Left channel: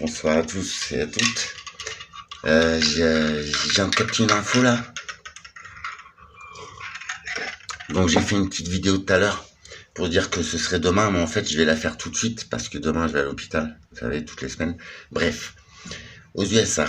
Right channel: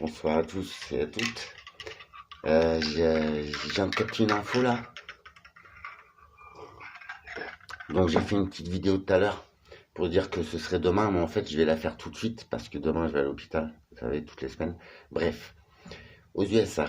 Bonsoir à tous et à toutes. J'ai un capté une info là. Donc j'ai fait une petite vidéo tout à l'heure pour dire que ce serait demain, mais en fait je vais la faire tout de suite parce que demain je vais à l'hôpital, vous savez, toutes les semaines. Bref, aux USA,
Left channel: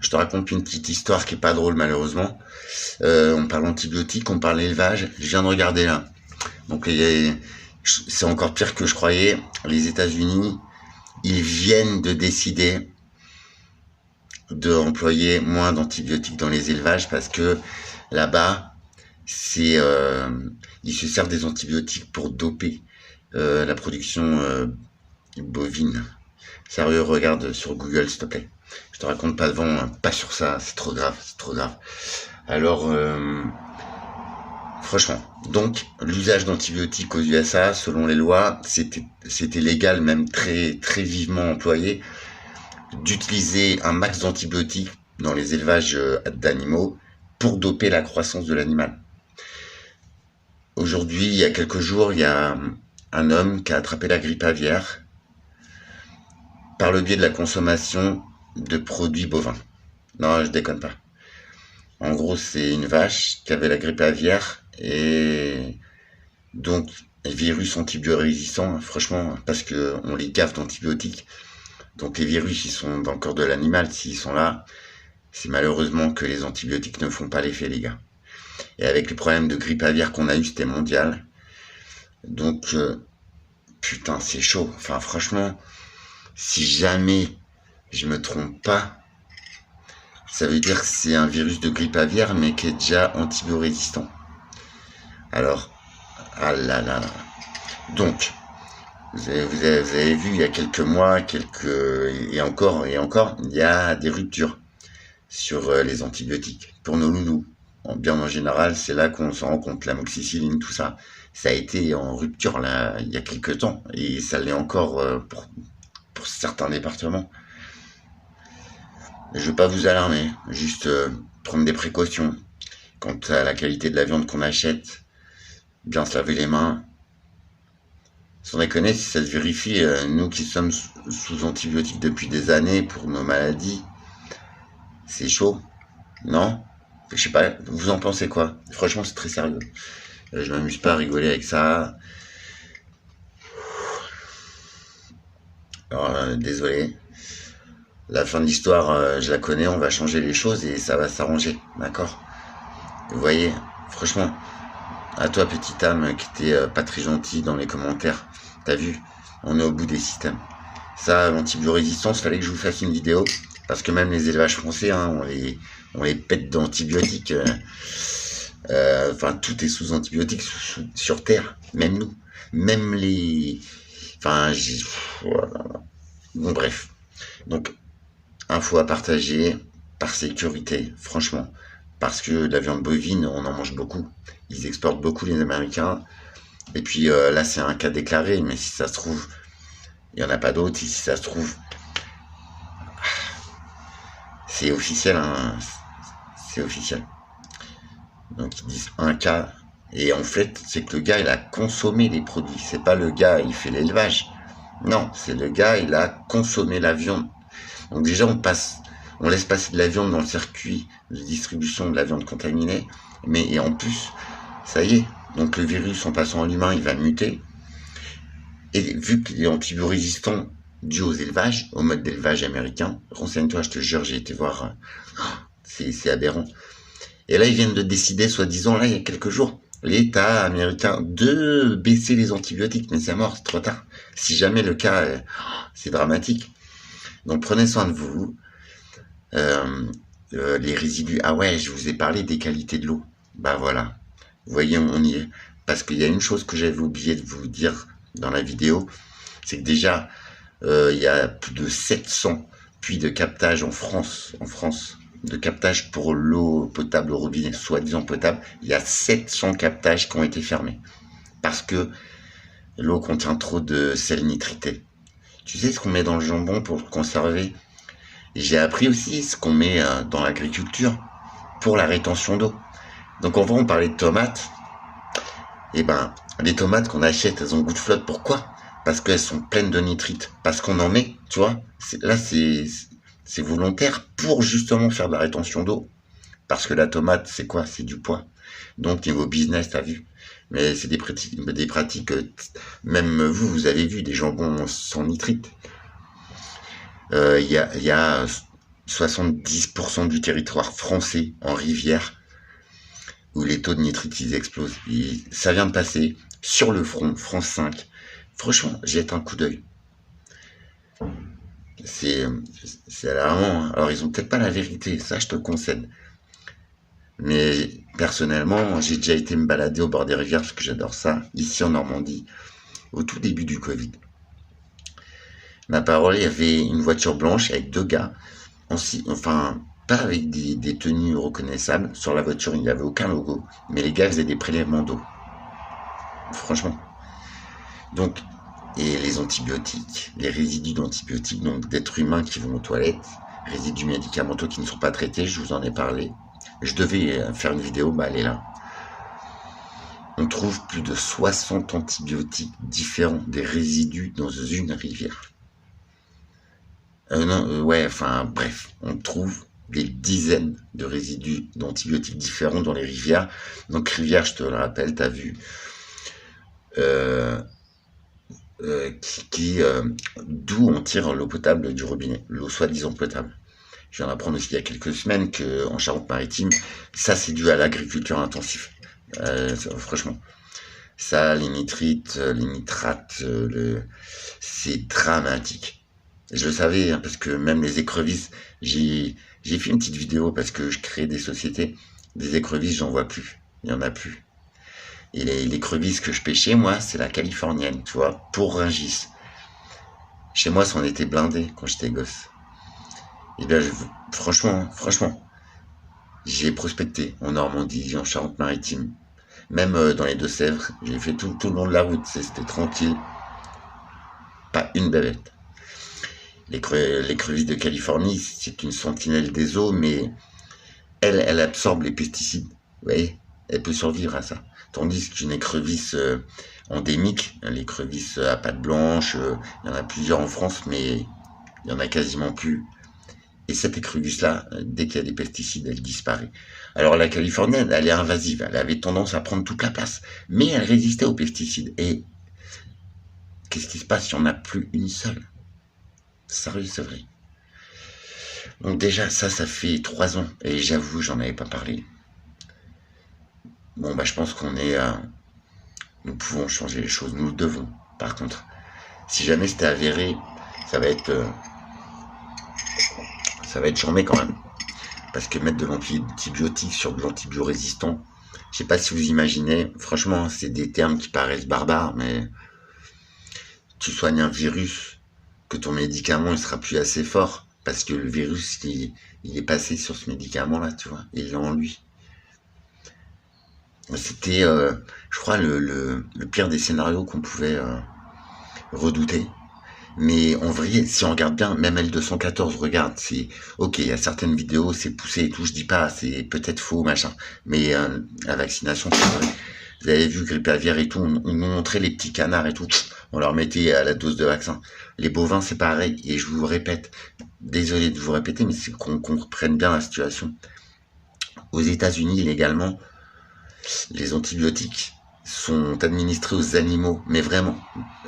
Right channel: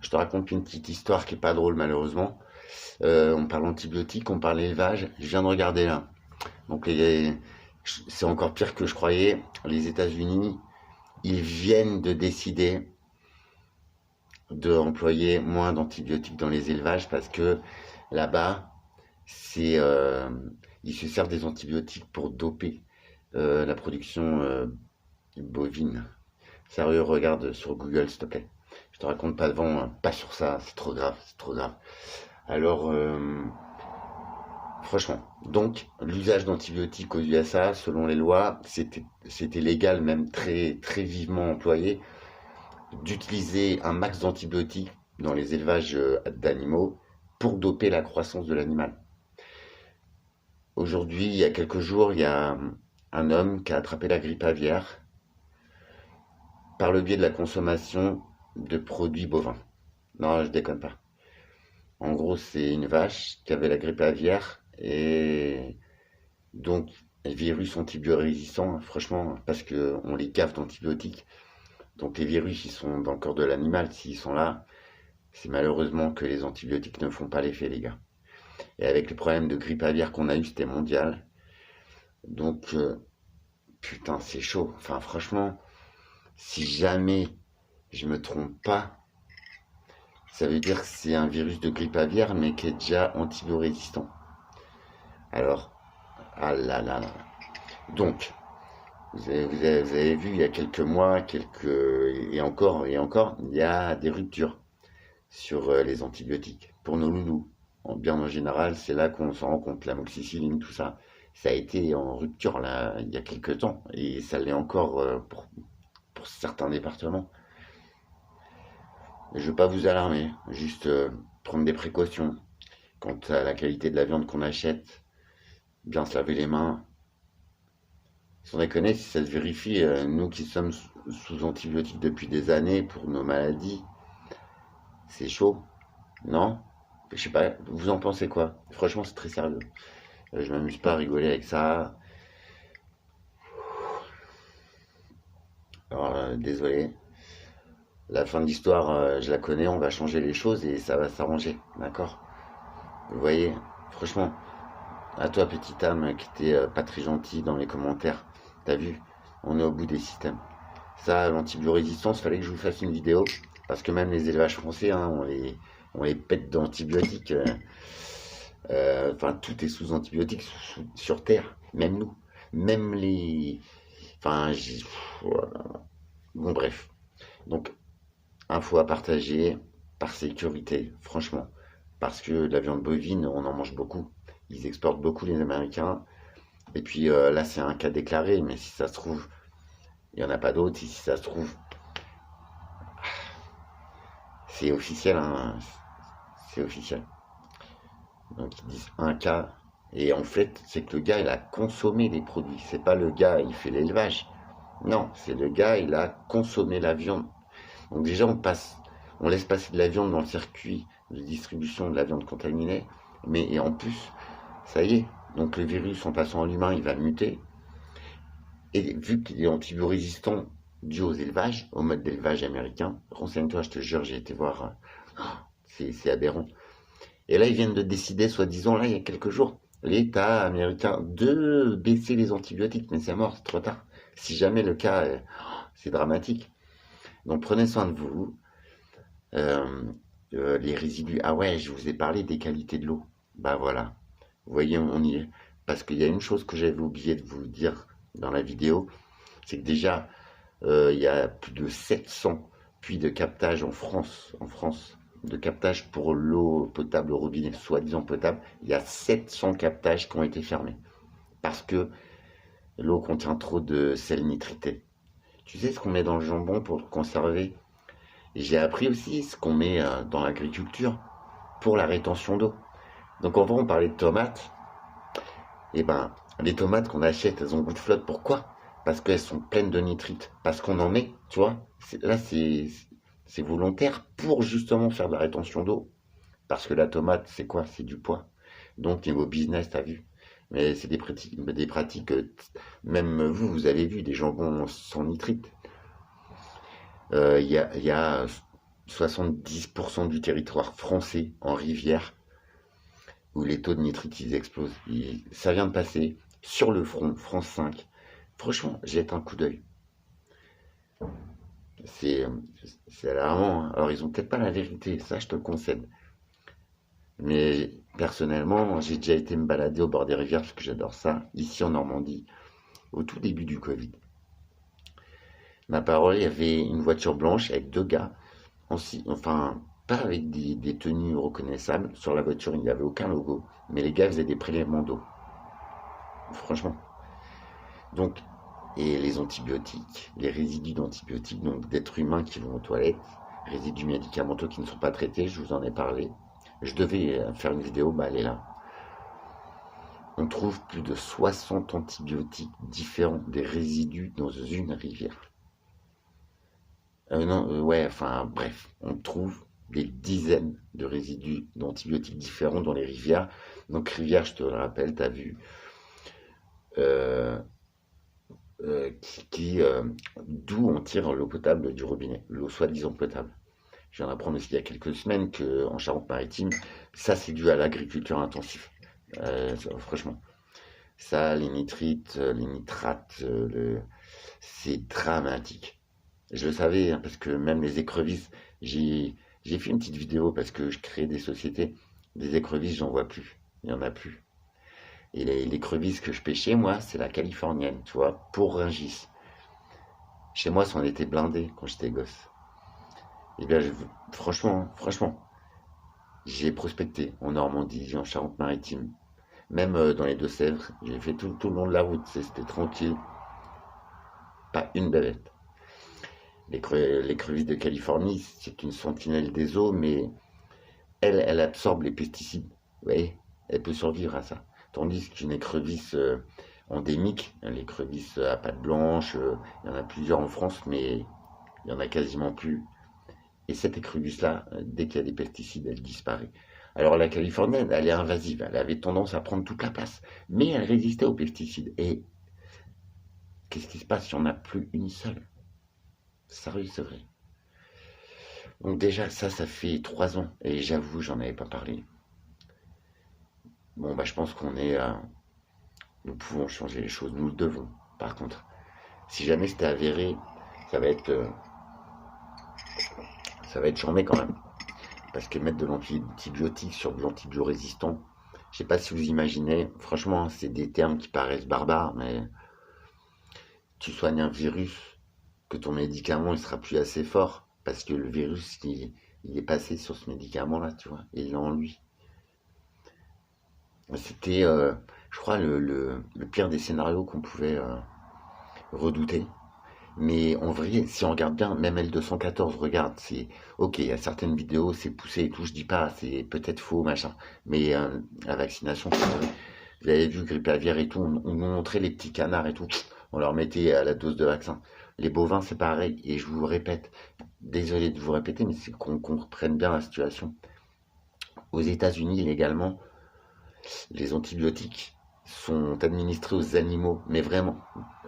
je te raconte une petite histoire qui est pas drôle malheureusement. On parle antibiotiques, on parle élevage. Je viens de regarder là. Donc c'est encore pire que je croyais. Les États-Unis, ils viennent de décider d'employer moins d'antibiotiques dans les élevages parce que là-bas, ils se servent des antibiotiques pour doper la production bovine. Sérieux, regarde sur Google s'il te plaît. Je te raconte pas devant, pas sur ça, c'est trop grave, c'est trop grave. Alors, franchement, donc l'usage d'antibiotiques aux USA, selon les lois, c'était légal, même très très vivement employé, d'utiliser un max d'antibiotiques dans les élevages d'animaux pour doper la croissance de l'animal. Aujourd'hui, il y a quelques jours, il y a un homme qui a attrapé la grippe aviaire par le biais de la consommation de produits bovins. Non, je déconne pas. En gros, c'est une vache qui avait la grippe aviaire et donc les virus antibiorésistants, franchement, parce que on les gaffe d'antibiotiques. Donc les virus, ils sont dans le corps de l'animal, s'ils sont là, c'est malheureusement que les antibiotiques ne font pas l'effet, les gars. Et avec le problème de grippe aviaire qu'on a eu, c'était mondial. Donc, putain, c'est chaud. Enfin, franchement, si jamais je me trompe pas, ça veut dire que c'est un virus de grippe aviaire, mais qui est déjà antibiorésistant. Alors, ah là là là. Donc, vous avez vu, il y a quelques mois, et encore, il y a des ruptures sur les antibiotiques. Pour nos loulous, bien en général, c'est là qu'on s'en rend compte, l'amoxicilline, tout ça. Ça a été en rupture là, il y a quelques temps, et ça l'est encore pour certains départements. Je ne veux pas vous alarmer, juste prendre des précautions quant à la qualité de la viande qu'on achète, bien se laver les mains. Sans déconner, si ça se vérifie, nous qui sommes sous antibiotiques depuis des années pour nos maladies, c'est chaud, non? Je sais pas, vous en pensez quoi? Franchement, c'est très sérieux. Je m'amuse pas à rigoler avec ça. Alors, désolé. La fin de l'histoire, je la connais, on va changer les choses et ça va s'arranger, d'accord? Vous voyez, franchement, à toi, petite âme qui était pas très gentille dans les commentaires, t'as vu, on est au bout des systèmes. Ça, l'antibiorésistance, fallait que je vous fasse une vidéo, parce que même les élevages français, hein, on les pète d'antibiotiques. Enfin, tout est sous antibiotiques sur Terre, même nous, même les... Enfin, voilà. Bon, bref. Donc, info à partager, par sécurité, franchement. Parce que la viande bovine, on en mange beaucoup. Ils exportent beaucoup, les Américains. Et puis là, c'est un cas déclaré, mais si ça se trouve, il n'y en a pas d'autres. Et si ça se trouve, c'est officiel, hein, c'est officiel. Donc ils disent un cas, et en fait, c'est que le gars, il a consommé les produits. C'est pas le gars, il fait l'élevage. Non, c'est le gars, il a consommé la viande. Donc déjà, on laisse passer de la viande dans le circuit de distribution de la viande contaminée. Et en plus, ça y est, donc le virus, en passant à l'humain, il va muter. Et vu qu'il est antibiorésistant dû aux élevages, au mode d'élevage américain, renseigne-toi, je te jure, j'ai été voir, c'est aberrant. Et là, ils viennent de décider, soi-disant, là, il y a quelques jours, l'État américain, de baisser les antibiotiques. Mais c'est mort, c'est trop tard. Si jamais le cas, c'est dramatique. Donc, prenez soin de vous. Les résidus, ah ouais, je vous ai parlé des qualités de l'eau. Bah voilà. Vous voyez, on y est. Parce qu'il y a une chose que j'avais oublié de vous dire dans la vidéo, c'est que déjà, il y a plus de 700 puits de captage en France, de captage pour l'eau potable au robinet, soi-disant potable. Il y a 700 captages qui ont été fermés. Parce que l'eau contient trop de sel nitrité. Tu sais ce qu'on met dans le jambon pour le conserver? J'ai appris aussi ce qu'on met dans l'agriculture pour la rétention d'eau. Donc en vrai, on parlait de tomates. Et ben, les tomates qu'on achète, elles ont goût de flotte. Pourquoi? parce qu'elles sont pleines de nitrites, parce qu'on en met, tu vois. Là, c'est volontaire pour justement faire de la rétention d'eau. Parce que la tomate, c'est quoi? C'est du poids. Donc, niveau business, t'as vu. Mais c'est des pratiques, même vous avez vu des jambons sans nitrite. Il y a 70% du territoire français en rivière où les taux de nitrite ils explosent. Ça vient de passer sur le front, France 5. Franchement, jette un coup d'œil. C'est alarmant, hein. Alors, ils ont peut-être pas la vérité, ça je te le concède. Mais personnellement, j'ai déjà été me balader au bord des rivières parce que j'adore ça, ici en Normandie, au tout début du Covid. Ma parole, il y avait une voiture blanche avec deux gars, enfin, pas avec des tenues reconnaissables. Sur la voiture, il n'y avait aucun logo, mais les gars faisaient des prélèvements d'eau. Franchement. Donc, et les antibiotiques, les résidus d'antibiotiques, donc d'êtres humains qui vont aux toilettes, résidus médicamenteux qui ne sont pas traités, je vous en ai parlé. Je devais faire une vidéo, bah elle est là. On trouve plus de 60 antibiotiques différents, des résidus dans une rivière. Bref, on trouve des dizaines de résidus d'antibiotiques différents dans les rivières. Donc rivière, je te le rappelle, tu as vu, d'où on tire l'eau potable du robinet, l'eau soi-disant potable. Je viens d'apprendre aussi il y a quelques semaines qu'en Charente-Maritime, ça c'est dû à l'agriculture intensive. Franchement, ça, les nitrites, les nitrates, c'est dramatique. Je le savais, hein, parce que même les écrevisses, j'ai fait une petite vidéo parce que je crée des sociétés. Des écrevisses, j'en vois plus. Il n'y en a plus. Et l'écrevisse que je pêchais, moi, c'est la californienne, tu vois, pour Rungis. Chez moi, c'en était blindé quand j'étais gosse. Et bien, franchement, j'ai prospecté en Normandie, en Charente-Maritime, même dans les Deux-Sèvres. J'ai fait tout le long de la route, c'était tranquille. Pas une bavette. L'écrevisse de Californie, c'est une sentinelle des eaux, mais elle absorbe les pesticides. Vous voyez, elle peut survivre à ça. Tandis qu'une écrevisse endémique, l'écrevisse à pattes blanches, il y en a plusieurs en France, mais il n'y en a quasiment plus. Et cette écrevisse-là, dès qu'il y a des pesticides, elle disparaît. Alors la californienne, elle est invasive, elle avait tendance à prendre toute la place, mais elle résistait aux pesticides. Et qu'est-ce qui se passe si on n'a plus une seule? Sérieux, c'est vrai. Donc déjà, ça fait 3 ans, et j'avoue, j'en avais pas parlé. Bon, bah je pense nous pouvons changer les choses, nous le devons. Par contre, si jamais c'était avéré, ça va être charmé quand même. Parce que mettre de l'antibiotique sur de l'antibiorésistant, je sais pas si vous imaginez, franchement, c'est des termes qui paraissent barbares, mais tu soignes un virus, que ton médicament il sera plus assez fort, parce que le virus, il est passé sur ce médicament-là, tu vois, il l'a en lui. C'était, je crois, le pire des scénarios qu'on pouvait redouter. Mais en vrai, si on regarde bien, même L214, regarde, c'est ok, il y a certaines vidéos, c'est poussé et tout, je dis pas, c'est peut-être faux, machin, mais la vaccination, c'est vrai. Vous avez vu, grippe aviaire et tout, on nous montrait les petits canards et tout, on leur mettait à la dose de vaccin. Les bovins, c'est pareil, et je vous répète, désolé de vous répéter, mais c'est qu'on comprenne bien la situation. Aux États-Unis, légalement, les antibiotiques sont administrés aux animaux, mais vraiment,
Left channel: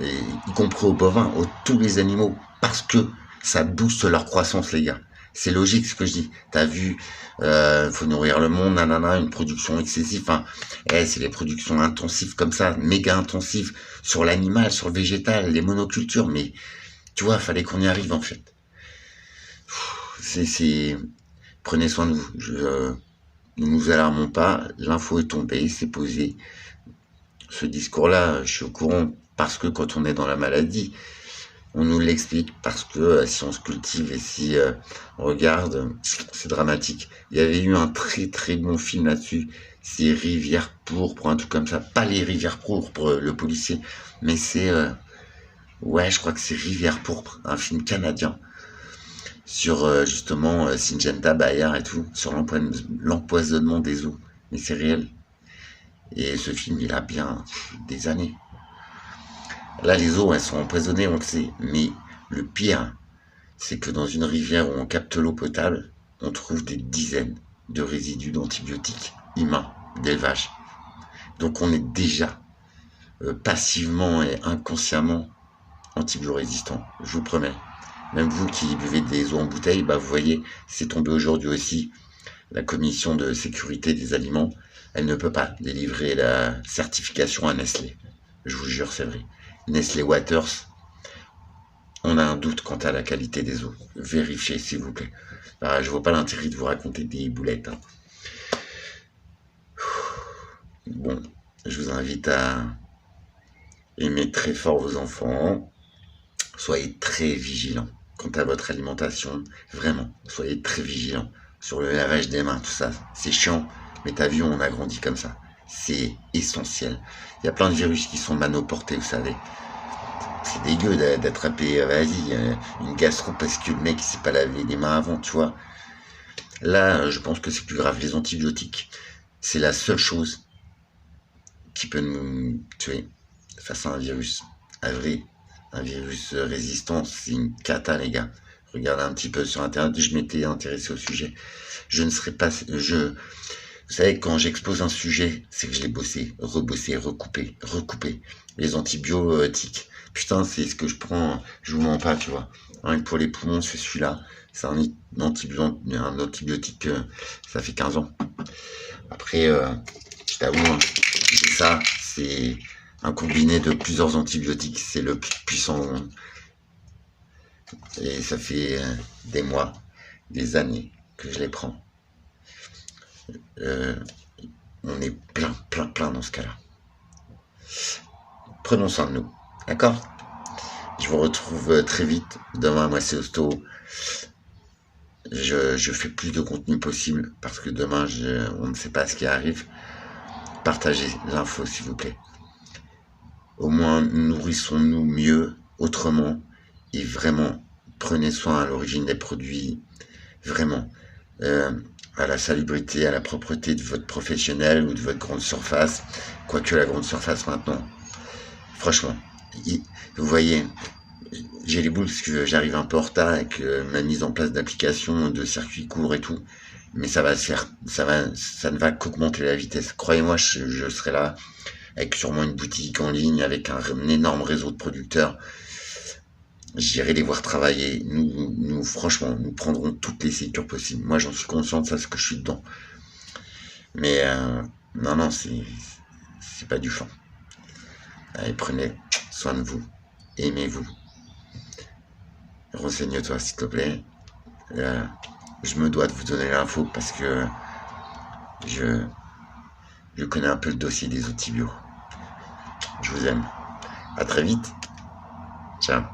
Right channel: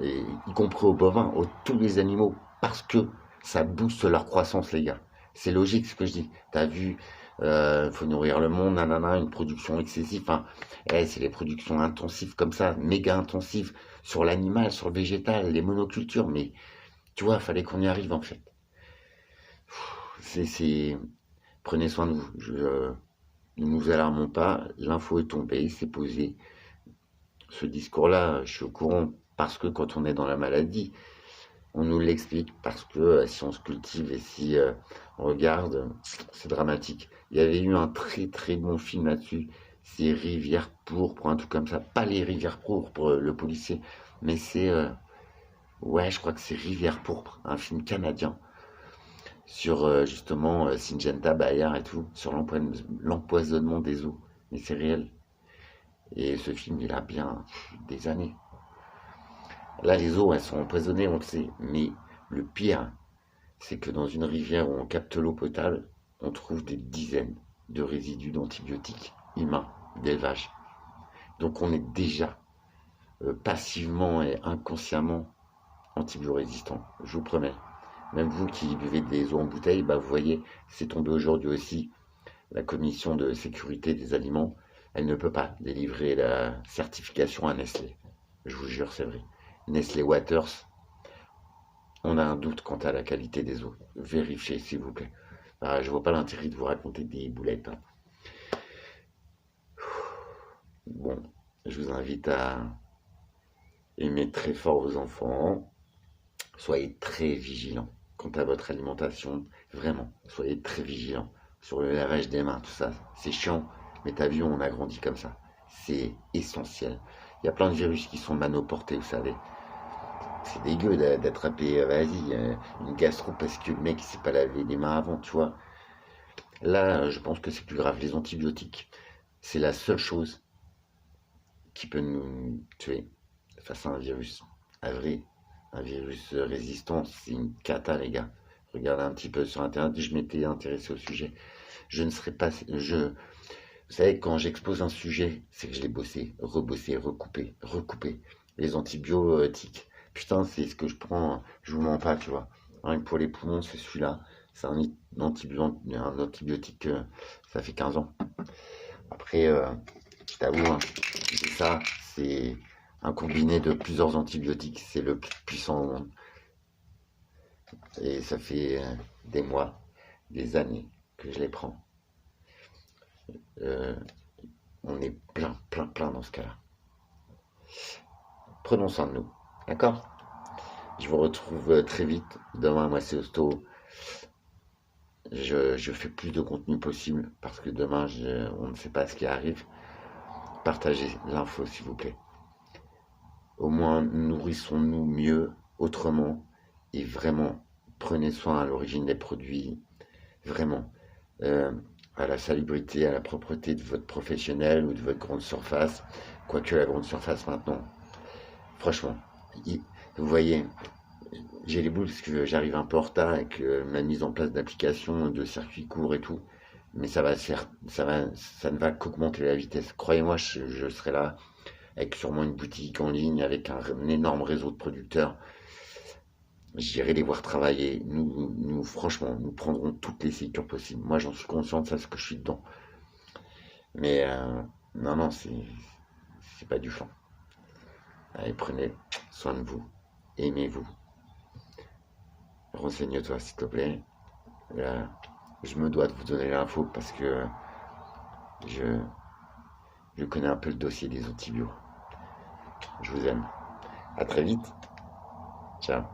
y compris aux bovins, tous les animaux, parce que ça booste leur croissance, les gars. C'est logique ce que je dis. T'as vu, faut nourrir le monde, nanana, une production excessive. Enfin, c'est les productions intensives comme ça, méga intensives sur l'animal, sur le végétal, les monocultures. Mais tu vois, fallait qu'on y arrive en fait. Prenez soin de vous. Ne nous alarmons pas. L'info est tombée, c'est posé. Ce discours-là, je suis au courant parce que quand on est dans la maladie, on nous l'explique parce que si on se cultive et si on regarde, c'est dramatique. Il y avait eu un très très bon film là-dessus, c'est Rivière pourpre, un truc comme ça. Pas les Rivières pourpres, le policier, mais c'est... je crois que c'est Rivière pourpre, un film canadien sur justement Syngenta Bayer et tout, sur l'empoisonnement des eaux. Mais c'est réel. Et ce film, il a bien des années. Là, les eaux, elles sont empoisonnées, on le sait. Mais le pire, c'est que dans une rivière où on capte l'eau potable, on trouve des dizaines de résidus d'antibiotiques humains d'élevage. Donc on est déjà passivement et inconsciemment antibio-résistant, je vous promets. Même vous qui buvez des eaux en bouteille, bah vous voyez, c'est tombé aujourd'hui aussi. La commission de sécurité des aliments, elle ne peut pas délivrer la certification à Nestlé. Je vous jure, c'est vrai. Nestlé Waters, on a un doute quant à la qualité des eaux. Vérifiez, s'il vous plaît. Je vois pas l'intérêt de vous raconter des boulettes. Hein. Bon, je vous invite à aimer très fort vos enfants. Soyez très vigilants quant à votre alimentation. Vraiment, soyez très vigilants sur le lavage des mains, tout ça. C'est chiant, mais t'as vu, on a grandi comme ça. C'est essentiel. Il y a plein de virus qui sont manoportés, vous savez. C'est dégueu d'attraper, vas-y, une gastro parce que le mec il s'est pas lavé les mains avant, tu vois. Là, je pense que c'est plus grave. Les antibiotiques, c'est la seule chose qui peut nous tuer face à un virus. Un virus résistant, c'est une cata, les gars. Regardez un petit peu sur Internet, je m'étais intéressé au sujet. Je ne serais pas... Vous savez, quand j'expose un sujet, c'est que je l'ai bossé, rebossé, recoupé. Les antibiotiques, putain, c'est ce que je prends, je vous mens pas, tu vois. Rien que pour les poumons, c'est celui-là. C'est un antibiotique, ça fait 15 ans. Après, je t'avoue, hein, ça, c'est un combiné de plusieurs antibiotiques. C'est le plus puissant au monde. Et ça fait des mois, des années que je les prends. On est plein dans ce cas-là. Prenons soin de nous. D'accord? Je vous retrouve très vite. Demain, moi, c'est Hosto. Je fais plus de contenu possible parce que demain, on ne sait pas ce qui arrive. Partagez l'info, s'il vous plaît. Au moins, nourrissons-nous mieux, autrement. Et vraiment, prenez soin à l'origine des produits. Vraiment. À la salubrité, à la propreté de votre professionnel ou de votre grande surface. Quoique la grande surface maintenant. Franchement, vous voyez, j'ai les boules parce que j'arrive un peu en retard avec ma mise en place d'applications, de circuits courts et tout. Mais ça va se faire, ça ne va qu'augmenter la vitesse. Croyez-moi, je serai là avec sûrement une boutique en ligne, avec un énorme réseau de producteurs. J'irai les voir travailler. Nous, franchement, nous prendrons toutes les sécures possibles. Moi, j'en suis conscient de ça, parce que je suis dedans. Mais non, c'est pas du flan. Allez, prenez soin de vous. Aimez-vous. Renseigne-toi, s'il te plaît. Je me dois de vous donner l'info parce que je connais un peu le dossier des outils bio. Je vous aime. À très vite. Ciao.